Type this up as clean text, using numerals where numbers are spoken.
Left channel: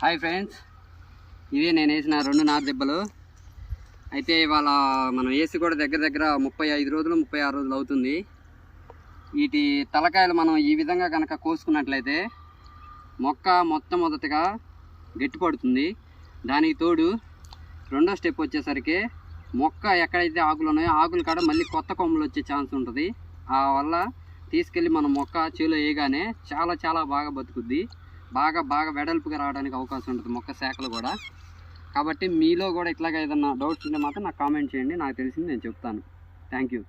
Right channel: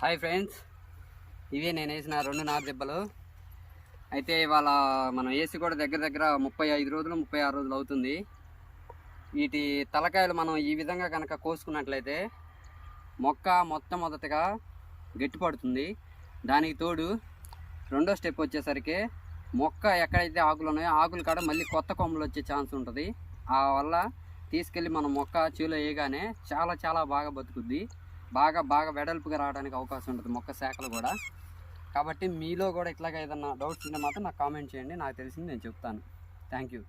Hi friends, ఇవే నేను వేసిన 2 నారు దెబ్బలు. అయితే ఇవాళ మనం వేసి కూడా దగ్గర దగ్గర 35 రోజులు 36 రోజులు అవుతుంది. వీటి తలకాయలు మనం ఈ విధంగా కనుక కోసుకున్నట్లయితే మొక్క మొట్టమొదటిగా గట్టి పడుతుంది. దానికి తోడు రెండో స్టెప్ వచ్చేసరికి మొక్క ఎక్కడైతే ఆకులు ఉన్నాయో ఆకులు కాడ మళ్ళీ కొత్త కొమ్మలు వచ్చే ఛాన్స్ ఉంటుంది. ఆ వల్ల తీసుకెళ్ళి మనం మొక్క చేలో వేయగానే చాలా చాలా బాగా బతుకుద్ది. బాగా వెడల్పుగా రావడానికి అవకాశం ఉంటుంది మొక్క శాఖలు కూడా. కాబట్టి మీలో కూడా ఇట్లాగా ఏదన్నా డౌట్స్ ఉంటే మాత్రం నాకు కామెంట్ చేయండి, నాకు తెలిసింది నేను చెప్తాను. Thank you.